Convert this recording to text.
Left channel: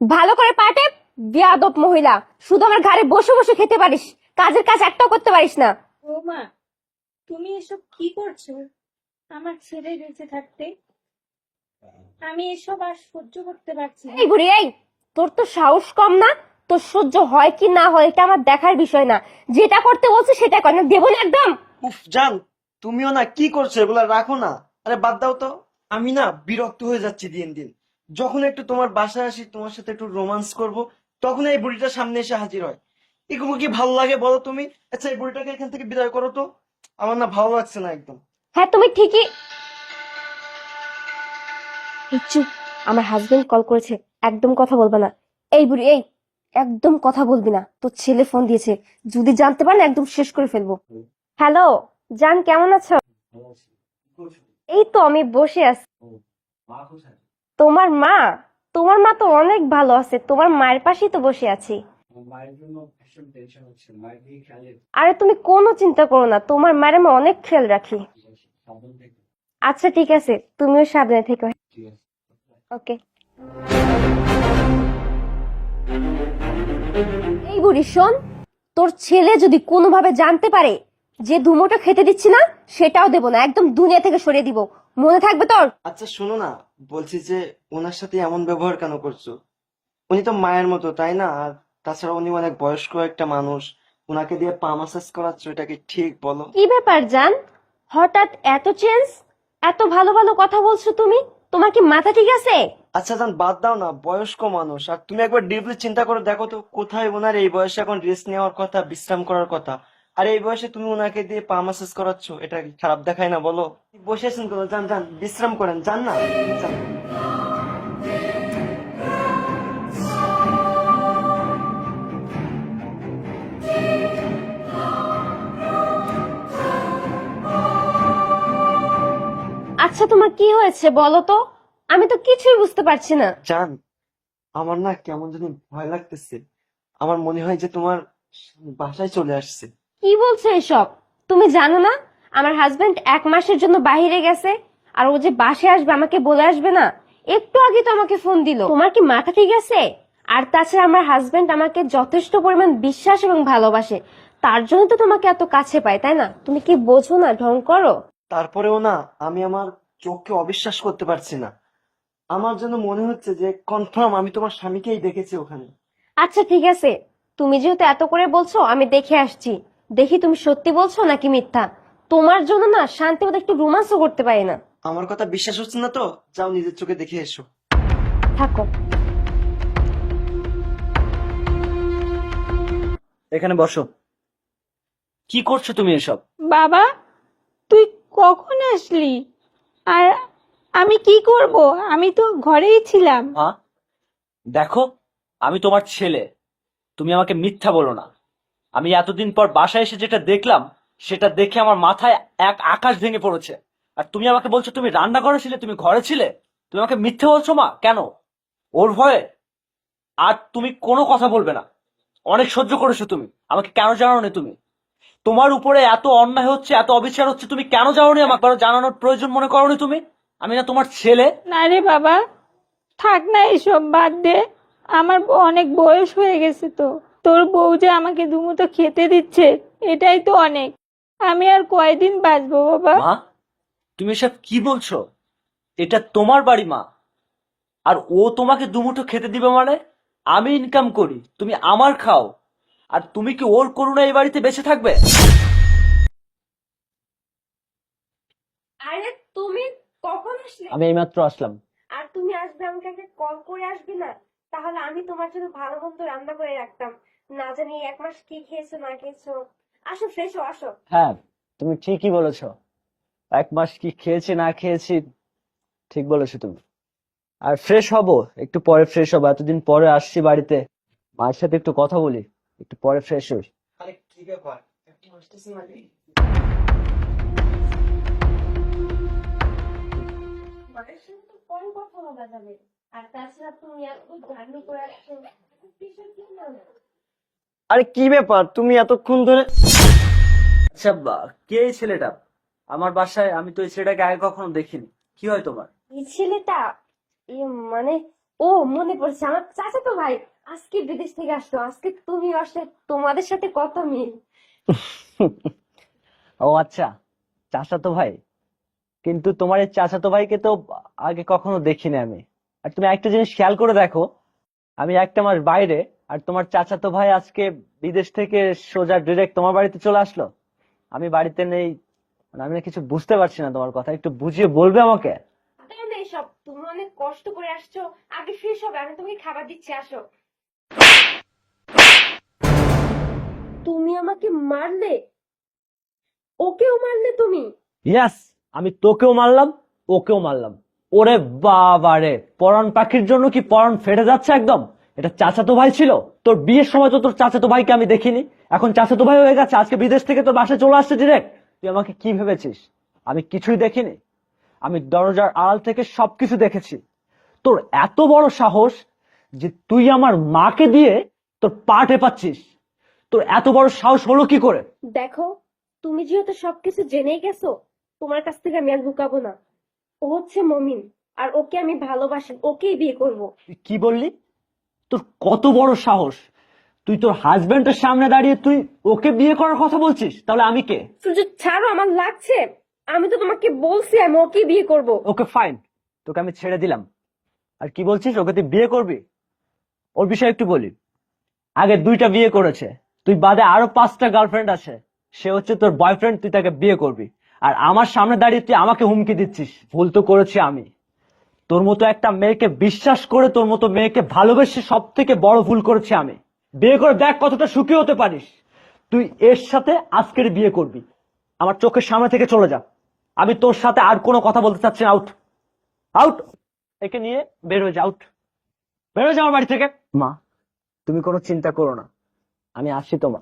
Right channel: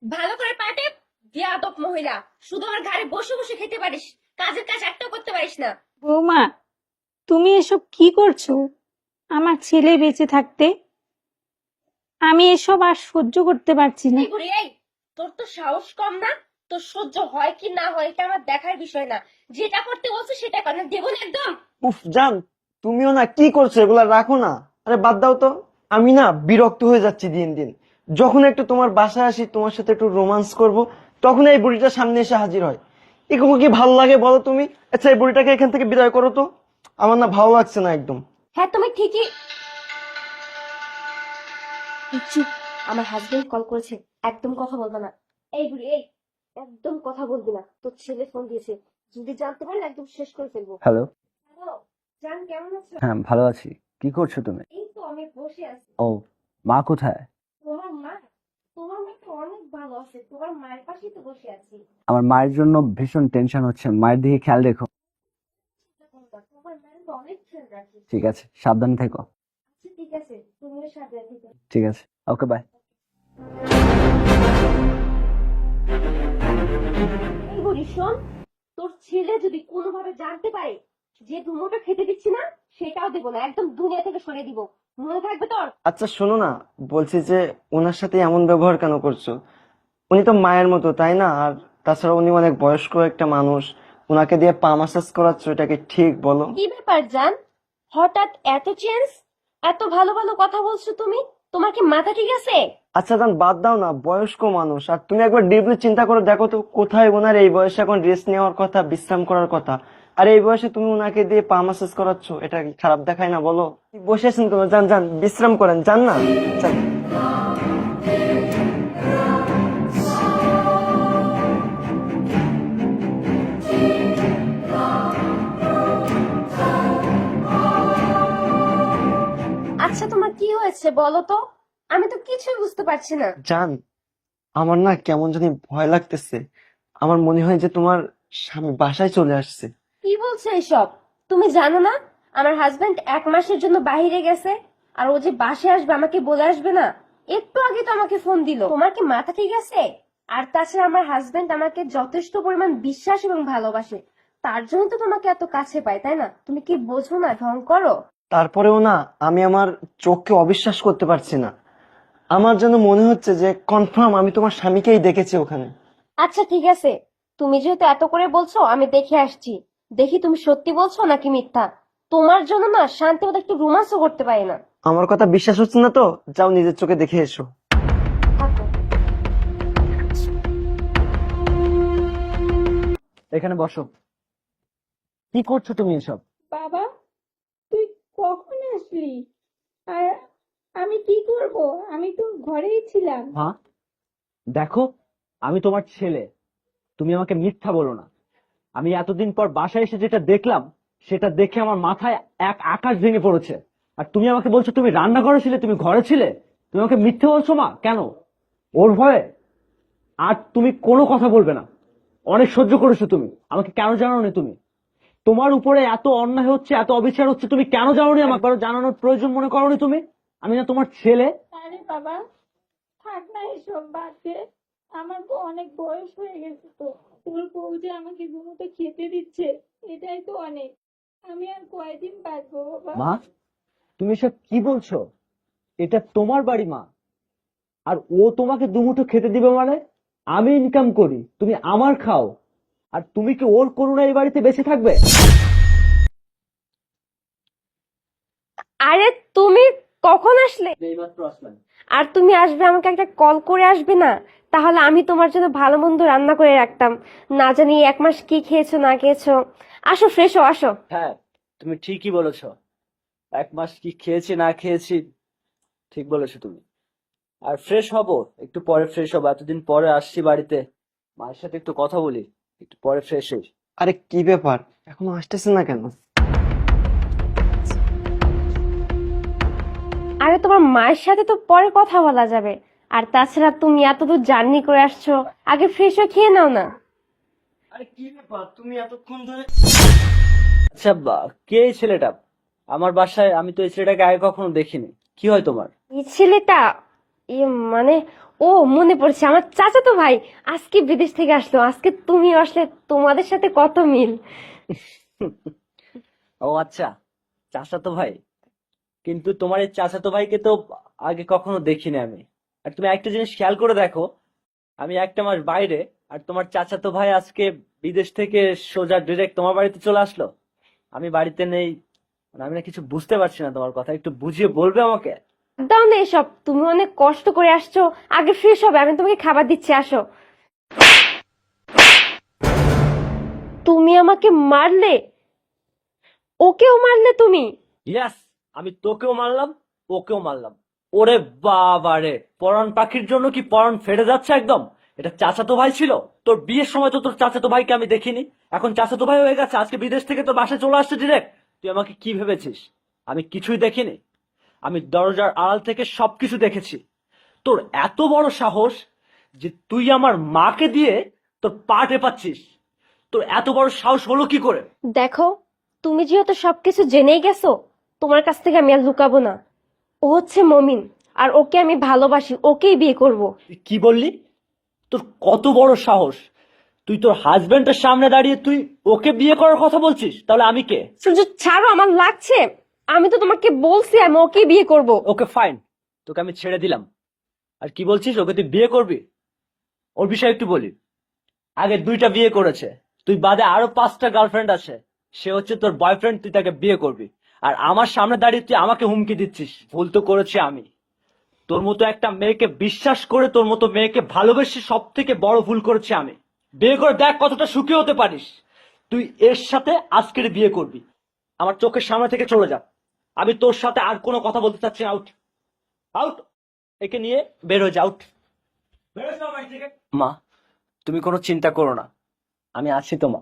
ভালো করে পাটে। বেয়াদব মহিলা, শুধু আমার ঘরে বসে বসে খেতে পারিস, কাজের কাজ একটাও করতে পারিস না। বৌমা, তুমি এসব কি করছো? আমার ছেলে বেঁচে থাকতে আমি এসব আর সহ্য করতে পারছি না। এই বুড়ি এই, তোর তো সাহস কম না? তোর সহ্য হয় কি না হয় এটা আমার দেখার বিষয় না, যেটা করতে বলছে সেটা কর, না দেবো না একদম। উফ জান, তুমিও না কি করছো, এগুলা রাখো না। আরে বাদ দাও তো। আমি না বিরক্ত হয়ে যাচ্ছি দিন দিন। যখন একটু তোমার বাসায় আসি, তোমার সাথে একটু রোমান্স করব, তখন এই বুড়িটা সামনে এসে হাজির হয়। এগুলো কি ভালো লাগে বলো তুমি? আচ্ছা, এই বুড়িটাকে এখান থেকে বিদায় করো তো। আমার না ভালো লাগছে না একদম। হ্যাঁ তুমি ঠিকই। এই চুপ, আমার হাজবেন্ড কল করেছে, একদম কথা বলবে না। এই বুড়ি এই, একদম কথা বলবি না, তোর ছেলে ফোন দিয়েছে, যদি জানতে পারেন একদম শেষ করে ফেলবো। হ্যালো। হ্যালো জান, কেমন আছো? হ্যাঁ, ভালো আছি। কি করছো তুমি? এই তো আমি বসে আছি। ও, মা কোথায়? তোমার মা? তোমার মা তো অনেক ভালো আছে, তোমার মায়ের পাশেই তো বসে আছি। আমার মায়ের জন্য ভীষণ টেনশন হচ্ছে, মায়ের দিকে খেয়াল রেখো। আরে তুমি কোনো চিন্তা করো না, তোমার মায়ের আমি অনেক খেয়াল রাখি। ঠিক আছে, সাবধানে থেকো। আচ্ছা ঠিক আছে, তুমিও সাবধানে থেকো। ঠিক আছে, ওকে, বাই। ওকে। এই বুড়ি শোন, তোর ছেলে যদি কোনোভাবে জানতে পারে যে ধুমোটা খেতে দিচ্ছি না, সেটাও দেবো না, একদম দুনিয়া থেকে সরিয়ে দিব, মনে থাকবে তোর। আচ্ছা শোনো না, বলছি যে ওনার সাথে এমন ব্যবহার কেন করছো? উনি তো মায়ের মতো, তাই না? আর তাছাড়া উনি অনেক বয়স্ক একটা মানুষ, উনাকে দিয়ে পা মাসাজ করাচ্ছ, এটা কি ঠিক বলো? কি ব্যাপার জান, হঠাৎ এত চেঞ্জ? এত ভালো ভালো কথা বলছো তুমি, তোমার কি মাথা ঠিক আছে? আচ্ছা জান, বাদ দাও না, বয়স্ক মানুষ। আর তুমি একবার ডিপলি চিন্তা করে দেখো তো, কোথায় ওনার এই বয়সে এখন রেস্ট নেওয়ার কথা, বিশ্রাম করার কথা, আর এই বয়সে তুমি ওনাকে দিয়ে পা মাসাজ করাচ্ছ, এটা কি খারাপ দেখায় না বলো? বসে আছেন কেন? যান যান, বিশ্রাম করেন, যান না, যান। আচ্ছা তোমার কি হয়েছে বলো তো, আমি তো কিছুই বুঝতে পারছি না। জান, আমার না কেমন জানি ভয় লাগতেছে। আমার মনে হয় যে তোমার স্বামী বাসায় চলে আসছে। কি বলছো এসব? তুমি জানো না আমার হাজবেন্ড 1 মাসের জন্য বাইরে গেছে, আর ও যে বাসায় আসবে আমাকে বলে আসবে না? একটু আগে তো আমাকে ফোন দিল। তোমার কি মাথা ঠিক আছে? আর তাছাড়া আমার হাজবেন্ড আমাকে যথেষ্ট পরিমাণ বিশ্বাস এবং ভালোবাসে, তার জন্য তো তোমাকে এত কাছে পায়, তাই না? তুমি কি বোঝো না, ঢং করো। তারপরেও না, আমি আমার চোখকে অবিশ্বাস করতে পারছি না। আমার যেন মনে হচ্ছে যে কনফার্ম আমি তোমার স্বামীকেই দেখেছি ওখানে। আচ্ছা ঠিক আছে, তুমি যেহেতু এত করে বলছো আমি দেখে আসছি, দেখি তুমি সত্যি বলছো নাকি মিথ্যা। তোমার জন্য না শান্তি মতো একটু রোমান্সও করতে পারি না। আমার কথা বিশ্বাস হচ্ছে না তো, যাও নিজের চোখে দেখে এসো। থাকো। এখানে বসো। কি করছো তুমি এসব? বাবা, তুই কখন আসলি? আর আমি কি করব? আমি তো ঘরেই ছিলাম। হ্যাঁ, দেখো, আমি তোমার ছেলে, তুমি আমাকে মিথ্যা বলো না। আমি এতদিন পর বাসায় এসে যেটা দেখলাম, সেটা দেখে আমার মাথায় এক আকাশ ভেঙে পড়েছে। আর তুমি আমাকে বলছো তুমি রান্নাঘরে ছিলে, তুমি ঘরে ছিলে। তুমি আমাকে মিথ্যে বলছো মা, কেন? ওর ভয়ে? আর তুমি কোনো কথা বলবে না। অনেক সহ্য করেছো তুমি, আমাকে কেন জানাও না তুমি? তোমার উপরে এত অন্যায় হচ্ছে, এত অবিচার হচ্ছে, তুমি কেন জানোনি? আমাকে কারো জানানোর প্রয়োজন মনে করোনি তুমি? আমি না তোমার ছেলে? না রে বাবা, থাক না, এসব বাদ দে। আমার অনেক বয়স হয়ে গেছে তো। তোর বউ যে আমাকে দুমুঠো খেতে দিচ্ছে, এটাই তো অনেক। আমি আর কয়দিন বাঁচবো বাবা? মা, তুমি এসব কি বলছো? এটা তোমার বাড়ি মা। আর ও তোমাকে দুমুঠো খেতে দিবে মানে? আমি ইনকাম করি, তুমি আমার খাও, আর তুমি কি ওর করুণা এই বাড়িতে বেঁচে থাকবে? আরে তুমি কখন আসলে? আমি এইমাত্র আসলাম। আর তুমি আসবে আমাকে একটা কল করে আসবে না? তাহলে আমি তোমার জন্য ভালো মন্দ রান্না করে রাখতাম, না জানি 1 মাস কি খেয়েছো না খেয়েছো। আসো, ফ্রেশ হও, আসো। হ্যাঁ, তুমি ঠিকই বলেছো। 1 মাস কি খেয়েছি না খেয়েছি, ঠিক বলেছো তুমি। আর ফ্রেশ হব, একটু পরে ফ্রেশ হবো। এতদিন পরে আসছি বাড়িতে, মায়ের সাথে একটু কথা বলি, একটু পরে ফ্রেশ হই। আরে কি ব্যাপার, এখনো আসতেছে না কেন? আরে তোমার মায়ের সাথে তো পরে কথা বলা যাবে, আর তাছাড়া তুমি এতদূর জার্নি করে আসছো, আগে ফ্রেশ হয়ে খেয়ে নাও না। আরে কি ব্যাপার, তুমি এতক্ষণ ধরে? আচ্ছা, কে এই ছেলেটা আমার বাসায়? আমি তো এই ছেলেটাকে আগে কখনো দেখিনি। কি হয় তোমার? এই ছেলেটা, এ মানে ও মনে পড়ছে, আমার চাচাতো ভাই আজকে বিদেশ থেকে আসলো। আজকে তুমি আসলে, তোমাদের সাথে কত মিল। ও আচ্ছা, চাচাতো ভাই। কিন্তু তোমার এই চাচাতো ভাইকে তো আগে কখনো দেখিনি আমি। আর তুমি একটা জিনিস খেয়াল করে দেখো, আমি একটা মাস বাইরে, আর তোমার চাচাতো ভাই আজকে বিদেশ থেকে সোজা ডিরেক্ট তোমার বাড়িতে চলে আসলো। আমি বাড়িতে নেই, মানে আমি না কিছু বুঝতে পারছি না। তোমার কথা একটু বুঝিয়ে বলবে আমাকে? দাও না এসব, তুমি অনেক কষ্ট করে আসছো। আগে ফ্রেশ হবে, আমি তোমাকে খাবার দিচ্ছি, আসো। তুমি আমাকে মারলে, ওকেও মারলে তুমি? ইয়াস, আমি তোকেও মারলাম, ওকেও মারলাম। ওরে বাবা রে, পরাণ পাখির জন্য কি পরাণ ফেটে যাচ্ছে একদম। এটা চাচাতো ভাই ছিল? তোর বিয়ের সময় তো তোর চাচাতো ভাইকে আমি দেখিনি, এখন চাচাতো ভাই হয়ে গেছে, আজকে বিদেশ থেকে তোর বাসায় চলে আসছে ডিরেক্ট। তুই আমাকে কি ভেবেছিস আমি কিছুই দেখিনি? আমি দরজার আড়াল থেকে সবকিছু দেখেছি। তোর এত বড় সাহস যে তুই আমার মাকে দিয়ে তোর পা টেপাচ্ছিস! তোর এত বড় সাহস হলো কি করে? দেখো, তুমি যেহেতু সবকিছু জেনেই গেছো, তোমার কাছ থেকে আমি আর লুকাবো না। ও হচ্ছে মমিন, আর ওকে আমি ভালোবাসি, ওকেই বিয়ে করব। তুই কি বললি? তোর কত বড় সাহস! তুই তোর হাজবেন্ডের সামনে দাঁড়িয়ে তুই ওকে বিয়ে করার কথা বলছিস? তাহলে আমি কে? সূর্য ছাড়ো, আমার লাগছে। আমি তো তোমাকে বলছি আমি ওকে বিয়ে করব। ওকে ফাইন, তোকে আমি ছেড়ে দিলাম। আর কি বলছিস, ওকে তুই বিয়ে করবি? ওর বিষয়ে একটু বলি। আগে 2টা বিয়ে করেছে, তুই বাদে আরো 5টা গার্লফ্রেন্ড আছে। সে হচ্ছে তোর বয়ফ্রেন্ড, তুই তাকে বিয়ে করবি। আর আমার সামনে দাঁড়িয়ে তুই আমাকে হুমকি দিচ্ছিস। ভুল তো করেছি আমি। তোর মতো একটা মেয়েকে বিশ্বাস করে, তোর মতো মেয়েকে ভালোবেসে সব থেকে বড় ভুল করেছি আমি। বিয়ে করে দেখ কতটা সুখী হতে পারিস। তুই এর সাথে আজকের বিয়ে করবি। আমার চোখের সামনে থেকে চলে যা। আমি তোর সাথে আর কোনো কথা বলতে চাচ্ছি না। Out, out. একে নিয়ে বের হয়ে যা, আউট। বের হয়ে যা আমার বাড়ি থেকে। মা, তুমি কোনো চিন্তা করো না, আমি আছি তো মা।